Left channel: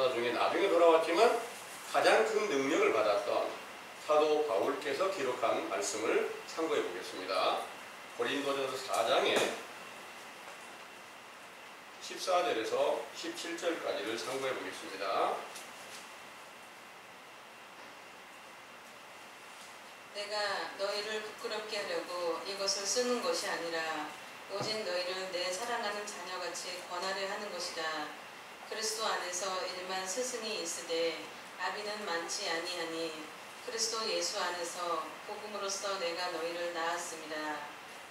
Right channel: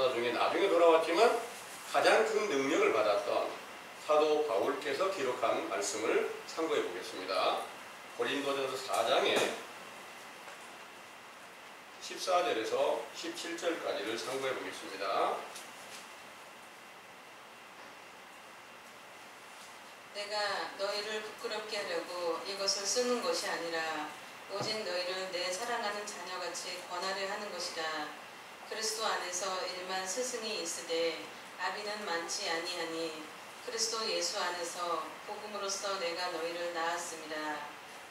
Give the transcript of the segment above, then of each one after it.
전도사 중에 나중에 돌아왔지만 가장 큰 능력을 받았던 사도 바울께서 기록한 말씀을 참고해 보겠습니다. 고린도전서 4장에 14절에서 17절까지를 참고해 보겠습니다. 내가 너희를 부끄럽게 하려고 이것을 쓰는 것이 아니라 오직 너희를 내 사랑하는 자녀같이 권하려 하는 것이라. 그리스도 안에서 일만 스승이 있으되 아비는 많지 아니하니 그리스도 예수 안에서 복음으로써 내가 너희를 낳았습니다.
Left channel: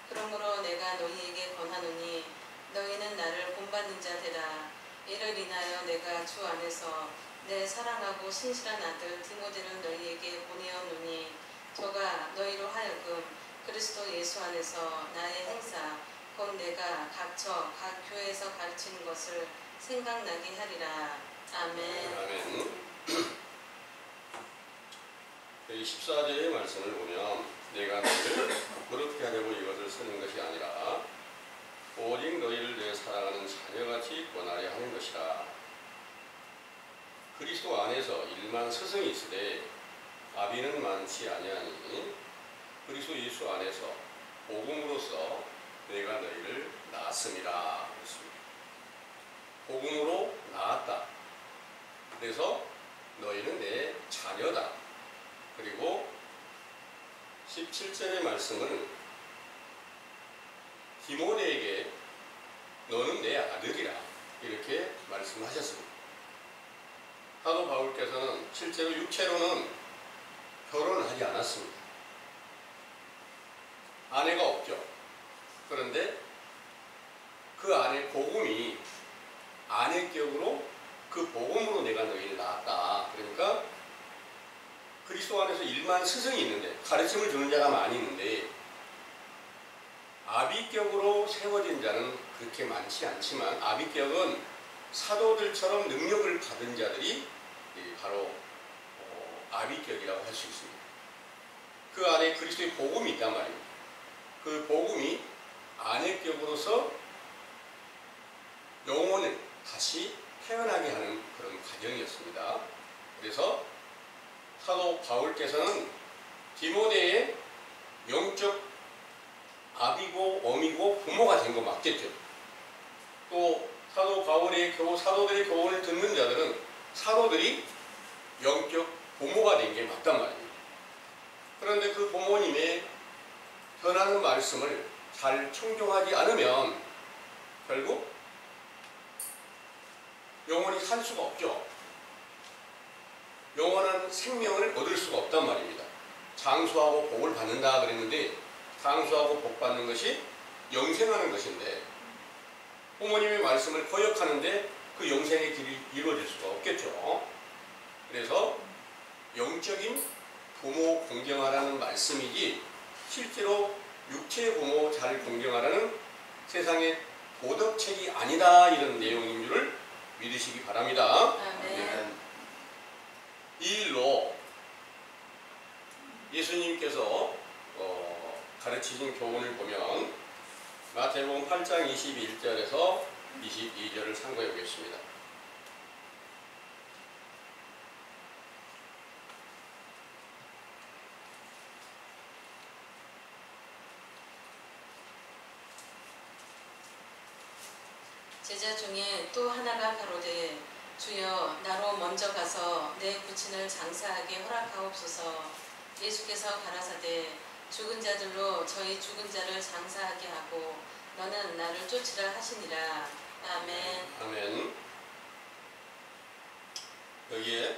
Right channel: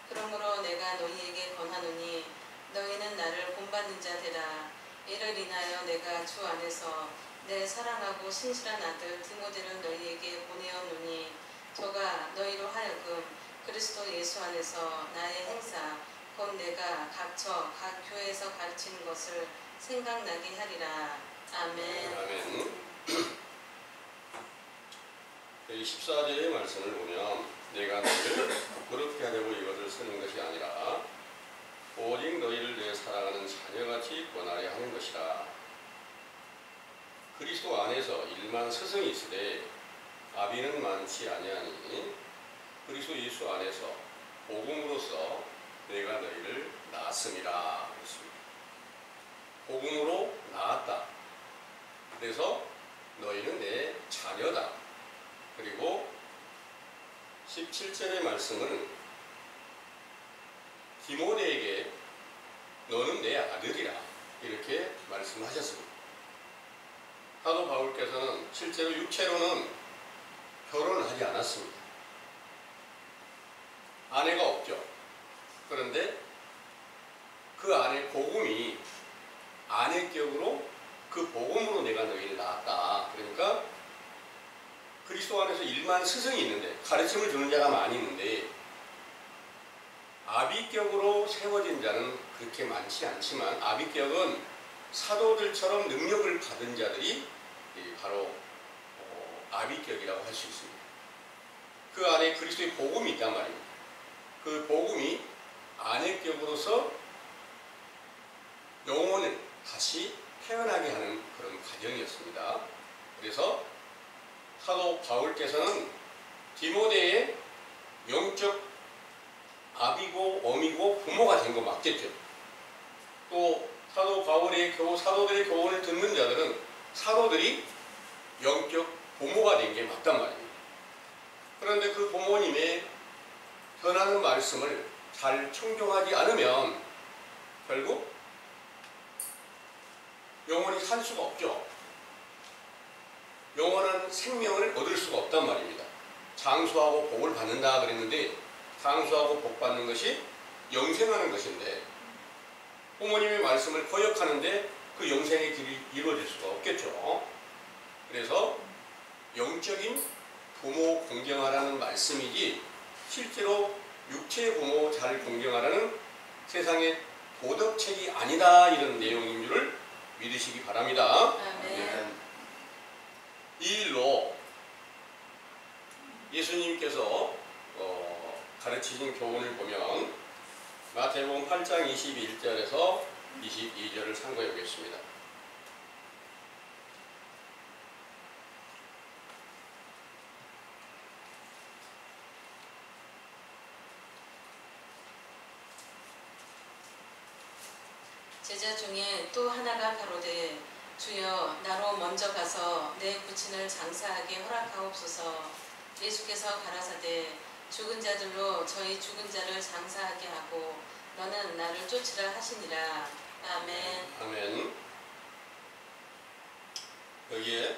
그러므로 내가 너희에게 권하노니 너희는 나를 본받는 자 되라. 이를 인하여 내가 주 안에서 내 사랑하고 신실한 아들 디모데를 너희에게 보내었노니 저가 너희로 하여금 그리스도 예수 안에서 나의 행사 곧 내가 각처 각 교회에서 가르치는 것을 생각나게 하리라. 아멘. 아멘. 이 14절의 말씀을 보면 내가 너희를 부끄럽게 하려고 이것을 쓰는 것이 아니라 오직 너희를 내 사랑하는 자녀같이 권하려 하는 것이라. 그리스도 안에서 일만 스승이 있으되 아비는 많지 아니하니 그리스도 예수 안에서 복음으로써 내가 너희를 낳았음이라. 그렇습니다. 복음으로 낳았다. 그래서 너희는 내 자녀다. 그리고 17절의 말씀은 디모데에게 너는 내 아들이라 이렇게 말씀하셨습니다. 사도 바울께서는 실제로 육체로는 결혼을 하지 않았습니다. 아내가 없죠. 그런데 그 안에 복음이 아내격으로 그 복음으로 내가 너희를 낳았다. 그러니까 그리스도 안에서 일만 스승이 있는데 가르침을 주는 자가 많이 있는데 아비격으로 세워진 자는 그렇게 많지 않지만 아비격은 사도들처럼 능력을 받은 자들이 바로 아비격이라고 할 수 있습니다. 그 안에 그리스도의 복음이 있단 말입니다. 그 복음이 아내격으로서 영혼을 다시 태어나게 하는 그런 과정이었습니다. 그래서 사도 바울께서는 디모데의 영적 아비고 어미고 부모가 된 거 맞겠죠. 또 사도 바울의 사도들의 교훈을 듣는 자들은 사도들이 영적 부모가 된 게 맞단 말입니다. 그런데 그 부모님의 전하는 말씀을 잘 청종하지 않으면 결국 영원히 살 수가 없죠. 영원한 생명을 얻을 수가 없단 말입니다. 장수하고 복을 받는다 그랬는데 장수하고 복 받는 것이 영생하는 것인데 부모님의 말씀을 거역하는데 그 영생의 길이 이루어질 수가 없겠죠. 그래서 영적인 부모 공경하라는 말씀이지 실제로 육체의 부모 잘 공경하라는 세상의 도덕책이 아니다 이런 내용인 줄을 믿으시기 바랍니다. 아멘. 이 일로 예수님께서 가르치신 교훈을 보면 마태복음 8장 21절에서 22절을 참고해 보겠습니다. 제자 중에 또 하나가 가로되 주여 나로 먼저 가서 내 부친을 장사하게 허락하옵소서. 예수께서 가라사대 죽은 자들로 저희 죽은 자를 장사하게 하고 너는 나를 쫓으라 하시니라. 아멘. 아멘. 여기에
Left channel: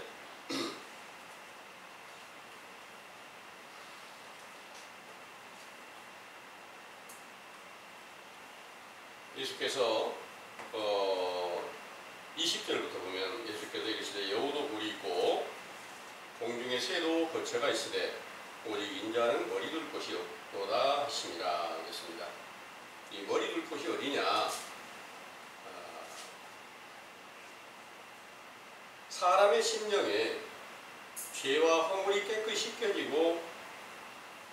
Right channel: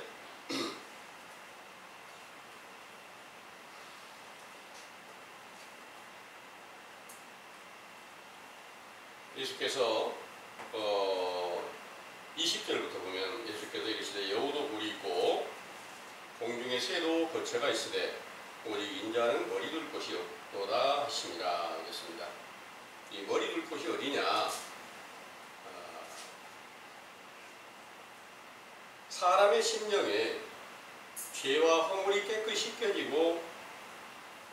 예수께서 20절부터 보면 예수께서 이르시되 여우도 굴이 있고 공중에 새도 거처가 있으되 오직 인자는 머리 둘 곳이 없도다 하시니라 하겠습니다. 이 머리 둘 곳이 어디냐? 사람의 심령에 죄와 허물이 깨끗이 씻겨지고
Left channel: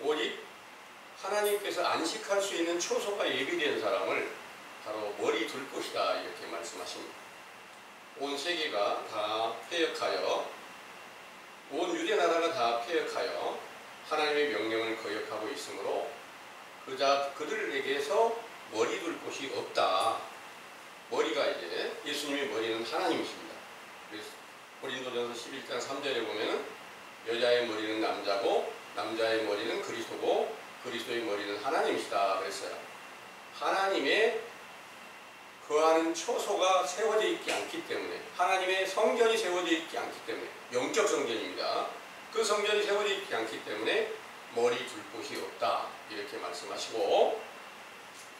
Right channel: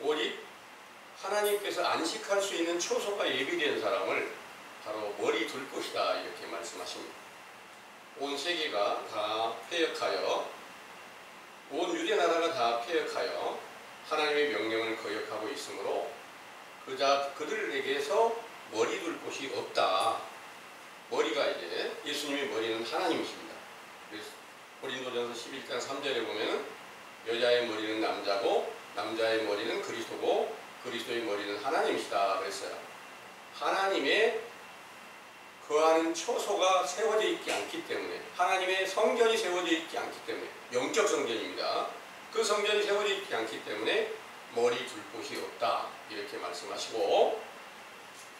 오직 하나님께서 안식할 수 있는 초소가 예비된 사람을 바로 머리 둘 곳이다 이렇게 말씀하십니다. 온 세계가 다 폐역하여 온 유대 나라가 다 폐역하여 하나님의 명령을 거역하고 있으므로 그들에게서 머리 둘 곳이 없다. 머리가 이제 예수님의 머리는 하나님이십니다. 그래서 고린도전서 11장 3절에 보면은 여자의 머리는 남자고 남자의 머리는 그리스도고 그리스도의 머리는 하나님이시다 그랬어요. 하나님의 거하는 처소가 세워져 있지 않기 때문에, 하나님의 성전이 세워져 있지 않기 때문에, 영적 성전입니다. 그 성전이 세워져 있지 않기 때문에 머리 둘 곳이 없다 이렇게 말씀하시고,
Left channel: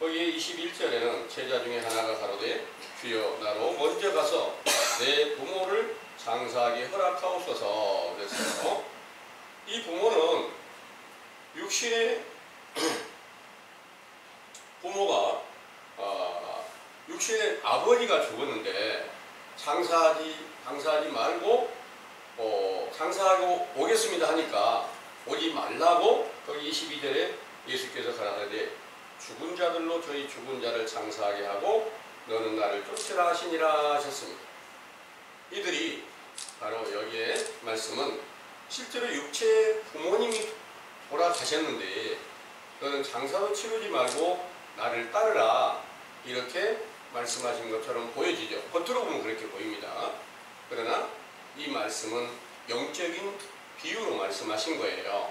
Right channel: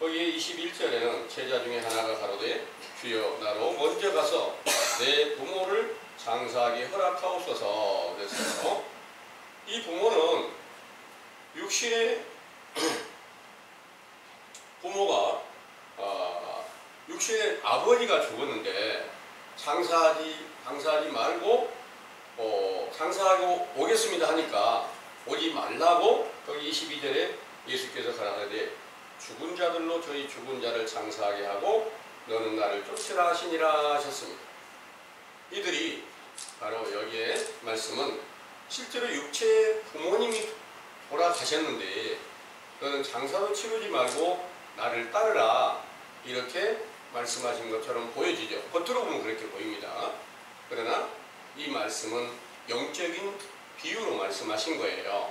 거기에 21절에는 제자 중에 하나가 가로되 주여 나로 먼저 가서 내 부모를 장사하게 허락하옵소서 그랬어요. 이 부모는 육신의 부모가 육신의 아버지가 죽었는데 장사하지 말고 장사하고 오겠습니다 하니까 오지 말라고 거기 22절에 예수께서 가라사대 죽은 자들로 저희 죽은 자를 장사하게 하고 너는 나를 쫓으라 하시니라 하셨습니다. 이들이 바로 여기에 말씀은 실제로 육체의 부모님이 돌아가셨는데 너는 장사도 치르지 말고 나를 따르라 이렇게 말씀하신 것처럼 보여지죠. 겉으로 보면 그렇게 보입니다. 그러나 이 말씀은 영적인 비유로 말씀하신 거예요.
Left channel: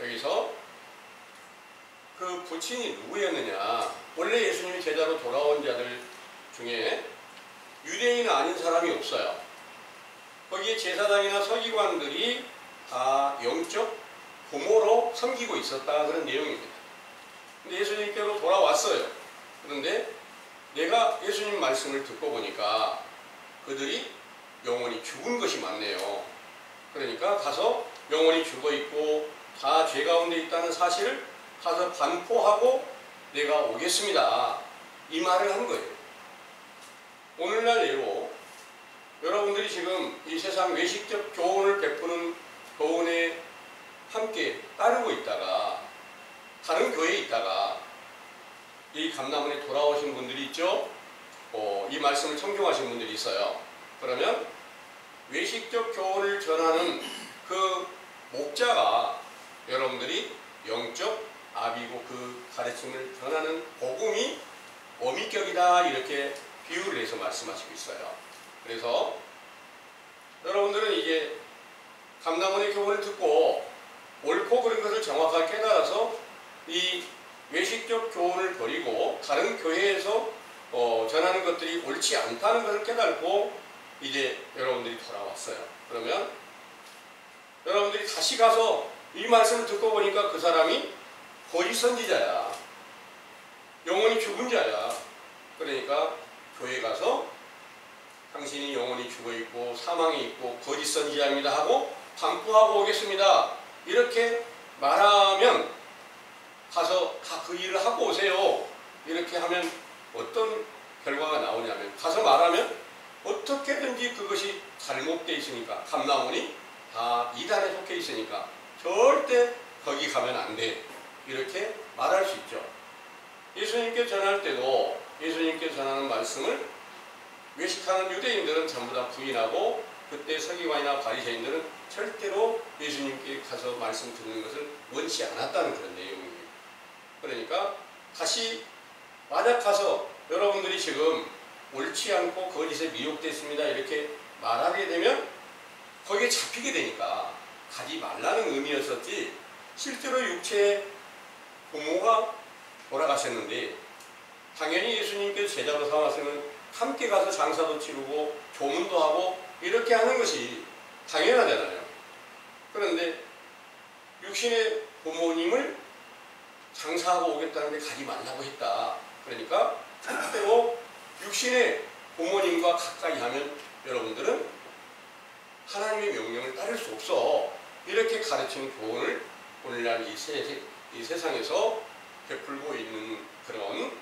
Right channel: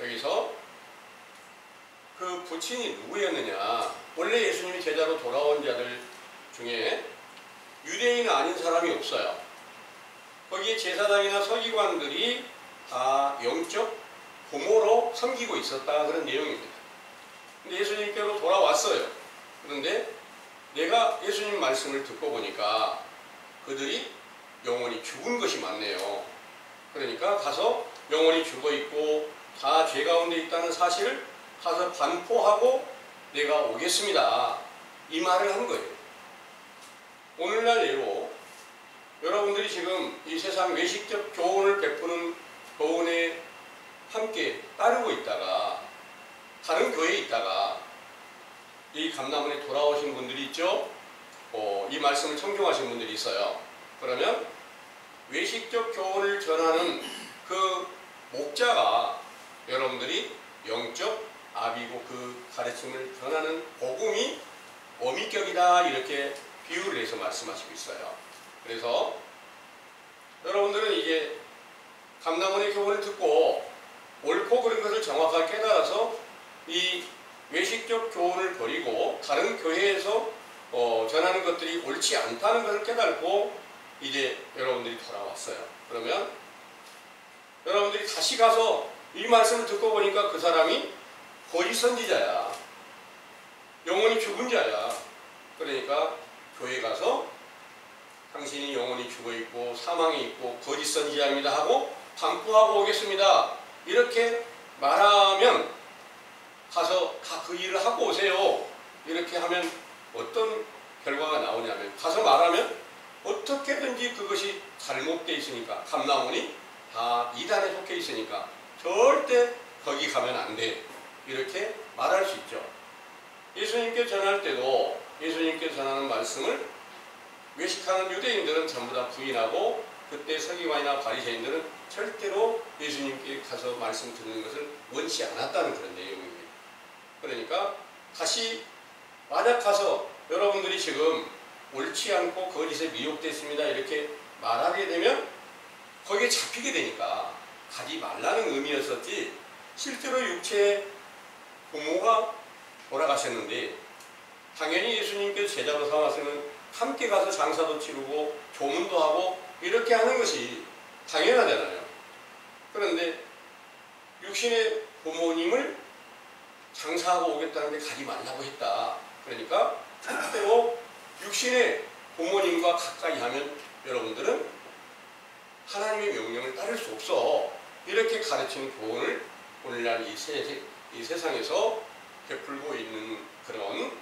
여기서 그 부친이 누구였느냐, 원래 예수님이 제자로 돌아온 자들 중에 유대인 아닌 사람이 없어요. 거기에 제사장이나 서기관들이 다 영적 부모로 섬기고 있었다 그런 내용입니다. 근데 예수님께로 돌아왔어요. 그런데 내가 예수님 말씀을 듣고 보니까 그들이 영원히 죽은 것이 맞네요. 그러니까 가서 영원히 죽어 있고 다 죄 가운데 있다는 사실을 가서 반포하고 내가 오겠습니다. 이 말을 한 거예요. 오늘날 예로 여러분들이 지금 이 세상 외식적 교훈을 베푸는 교훈에 함께 따르고 있다가 다른 교회에 있다가 이 감람원에 돌아오신 분들이 있죠. 이 말씀을 청중하신 분들이 있어요. 그러면 외식적 교훈을 전하는 그 목자가 여러분들이 영적 아비고 그 가르침을 전하는 복음이 어미격이다 이렇게 비유를 해서 말씀하시고 있어요. 그래서 여러분들은 이제 감람원의 교훈을 듣고 옳고 그른 것을 정확하게 깨달아서 이 외식적 교훈을 버리고 다른 교회에서 전하는 것들이 옳지 않다는 것을 깨달고 이제 여러분들이 돌아왔어요. 그러면 여러분들이 다시 가서 이 말씀을 듣고 보니까 그 사람이 거짓 선지자야. 영원히 죽은 자야. 그러니까 교회 가서 당신이 영원히 죽어 있고 사망에 있고 거짓 선지자입니다 하고 반포하고 오겠습니다. 이렇게 말하면 가서 다 그 일을 하고 오세요. 이렇게 하면 어떤 결과가 나오냐면 가서 말하면 어떻게든지 그것이 잘못되어 있으니까 감람원이 다 이단에 속해 있으니까 절대 거기 가면 안 돼. 이렇게 말할 수 있죠. 예수님께 전할 때도 예수님께 전하는 말씀을 외식하는 유대인들은 전부 다 부인하고 그때 서기관이나 바리새인들은 절대로 예수님께 가서 말씀 듣는 것을 원치 않았다는 그런 내용입니다. 그러니까 다시 만약 가서 여러분들이 지금 옳지 않고 거짓에 미혹됐습니다 이렇게 말하게 되면 거기에 잡히게 되니까 가지 말라는 의미였었지 실제로 육체의 부모가 돌아가셨는데 당연히 예수님께서 제자로 삼았으면 함께 가서 장사도 치르고 조문도 하고 이렇게 하는 것이 당연하잖아요. 그런데 육신의 부모님을 장사하고 오겠다는데 가지 말라고 했다. 그러니까 절대로 육신의 부모님과 가까이 하면 여러분들은 하나님의 명령을 따를 수 없어. 이렇게 가르치는 교훈을 오늘날 이 세상에서 베풀고 있는 그런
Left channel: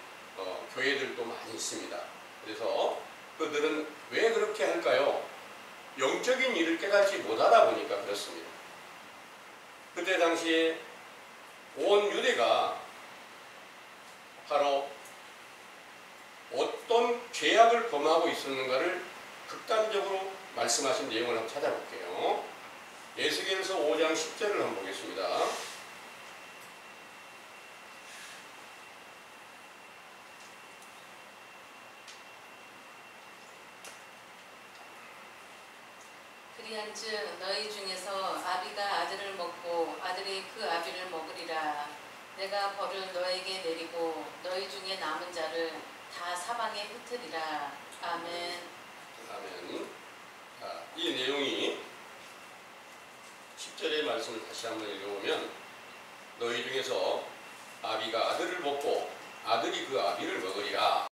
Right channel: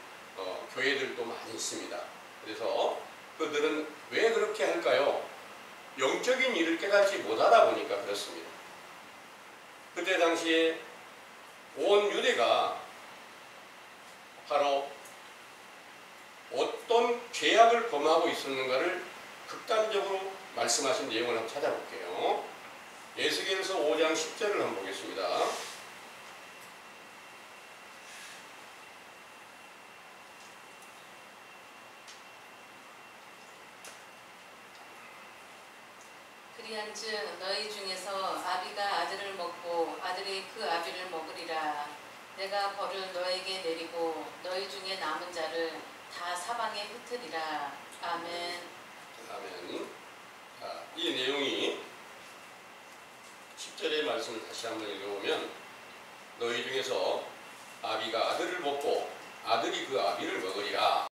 교회들도 많이 있습니다. 그래서 그들은 왜 그렇게 할까요? 영적인 일을 깨닫지 못하다 보니까 그렇습니다. 그때 당시에 온 유대가 바로 어떤 죄악을 범하고 있었는가를 극단적으로 말씀하신 내용을 한번 찾아볼게요. 에스겔서 5장 10절을 한번 보겠습니다. 그리한즉 너희 중에서 아비가 아들을 먹고 아들이 그 아비를 먹으리라. 내가 벌을 너에게 내리고 너희 중에 남은 자를 다 사방에 흩으리라. 아멘. 아멘. 자, 이 내용이 10절의 말씀을 다시 한번 읽어보면 너희 중에서 아비가 아들을 먹고 아들이 그 아비를 먹으리라.